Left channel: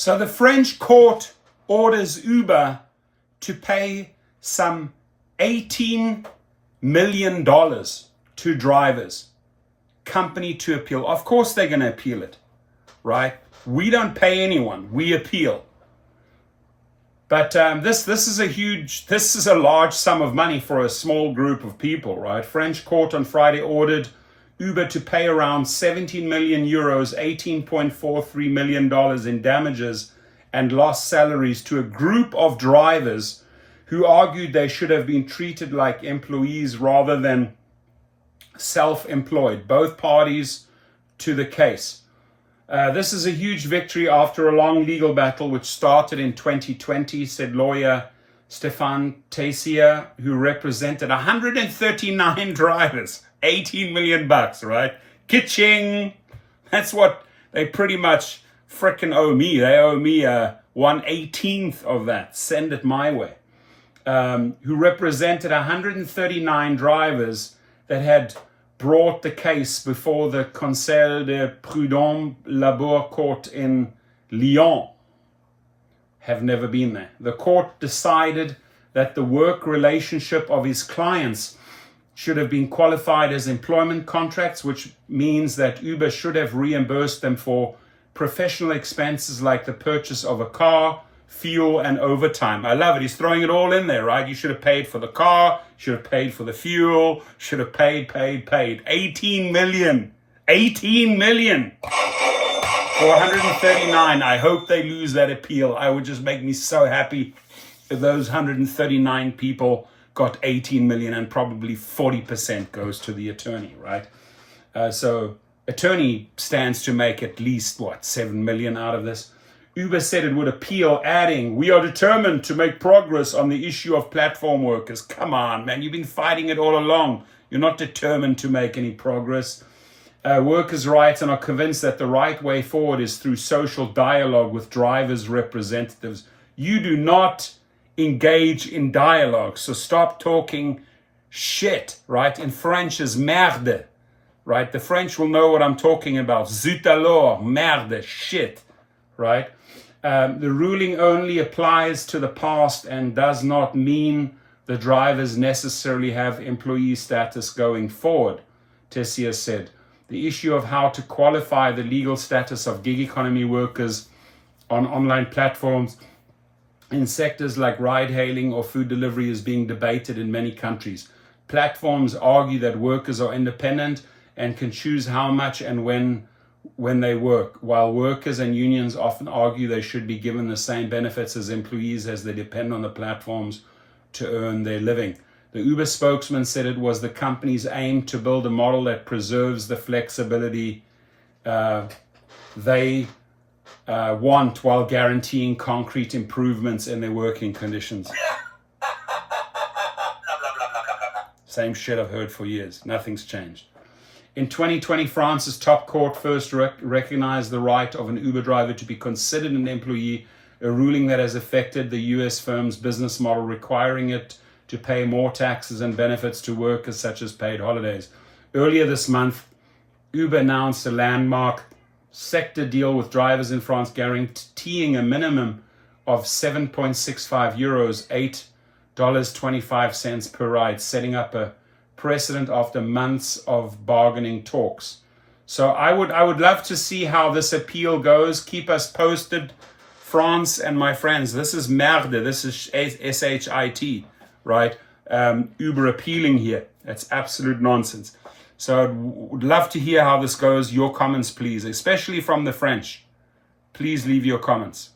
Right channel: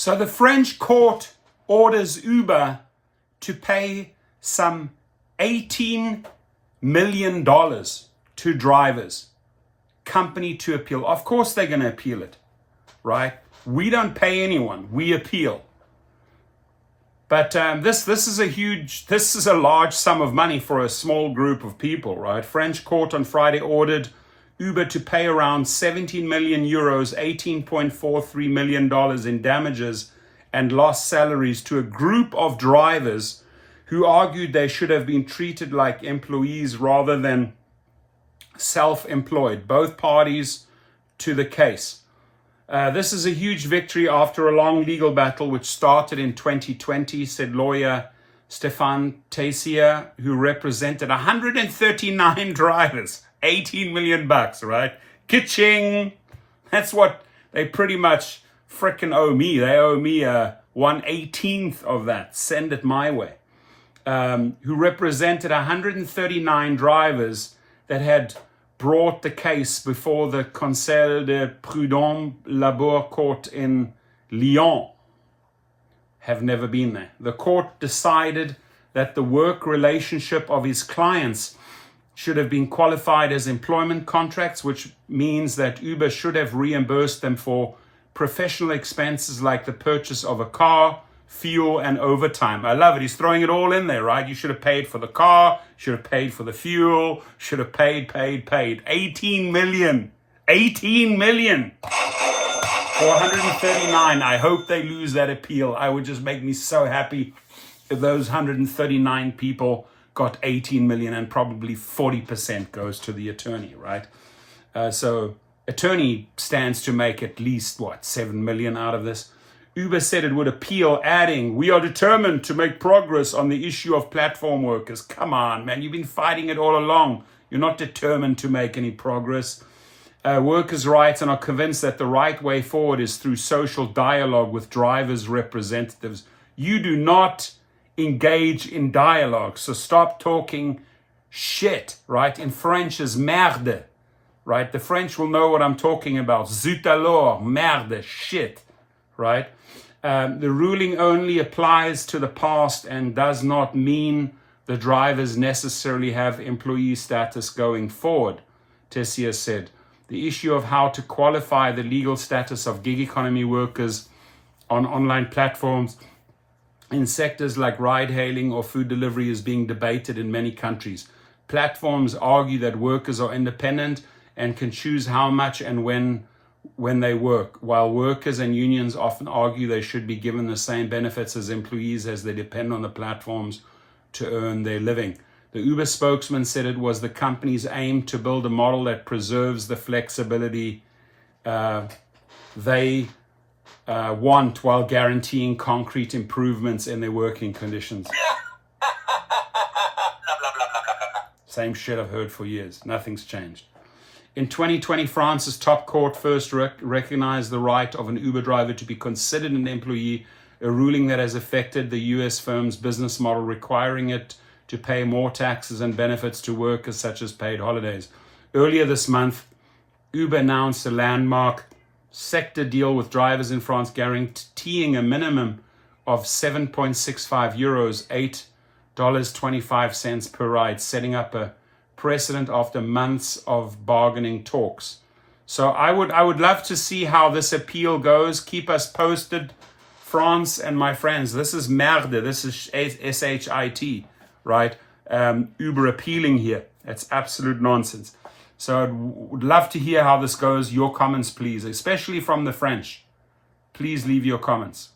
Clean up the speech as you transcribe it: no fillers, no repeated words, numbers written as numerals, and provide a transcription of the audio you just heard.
So the French court orders Uber to pay some $18 million to drivers, company to appeal. Of course they're going to appeal it, right? We don't pay anyone, we appeal. But this is a large sum of money for a small group of people, right? French court on Friday ordered Uber to pay around 17 million euros, $18.43 million in damages and lost salaries to a group of drivers who argued they should have been treated like employees rather than self-employed. Both parties to the case. This is a huge victory after a long legal battle which started in 2020, said lawyer Stefan Tessier, who represented 139 drivers. 18 million bucks, right? Kitching. That's what they pretty much frickin' owe me. They owe me 1/18 of that. Send it my way. Who represented 139 drivers that had brought the case before the Conseil de Prud'homme Labour Court in Lyon. Have never been there. The court decided that the work relationship of his clients should have been qualified as employment contracts, which means that Uber should have reimbursed them for professional expenses like the purchase of a car, fuel, and overtime. I love it. He's throwing it all in there, right? You should have paid for the car, should have paid for the fuel, should have paid. 18 million for 139. I hope they lose that appeal. I would just make me so happy if those 139 people got 18 million and probably 40% goes to the attorney, right? So attorney stands to make at least, 7 million out of this. Uber said it would appeal, adding, "We are determined to make progress on the issue of platform workers." Come on, man, you've been fighting it all along. You're not determined to make any progress. Workers' rights and are convinced that the right way forward is through social dialogue with drivers' representatives. You do not engage in dialogue, so stop talking shit, right? In French is merde, right? The French will know what I'm talking about. Zut alors, merde, shit, right? The ruling only applies to the past and does not mean the drivers necessarily have employee status going forward, Tessier said. The issue of how to qualify the legal status of gig economy workers on online platforms in sectors like ride-hailing or food delivery is being debated in many countries. Platforms argue that workers are independent and can choose how much and when they work, while workers and unions often argue they should be given the same benefits as employees as they depend on the platforms to earn their living. The Uber spokesman said it was the company's aim to build a model that preserves the flexibility they want while guaranteeing concrete improvements in their working conditions. Same shit I've heard for years. Nothing's changed. In 2020, France's top court first recognized the right of an Uber driver to be considered an employee, a ruling that has affected the US firm's business model, requiring it to pay more taxes and benefits to workers such as paid holidays. Earlier this month, Uber announced a landmark sector deal with drivers in France, guaranteeing a minimum of 7.65 euros, $8.25 per ride, setting up a precedent after months of bargaining talks. So I would love to see how this appeal goes. Keep us posted, France and my friends. This is merde. This is S-H-I-T, right? Uber appealing here. It's absolute nonsense. So I would love to hear how this goes. Your comments, please, especially from the French. Please leave your comments.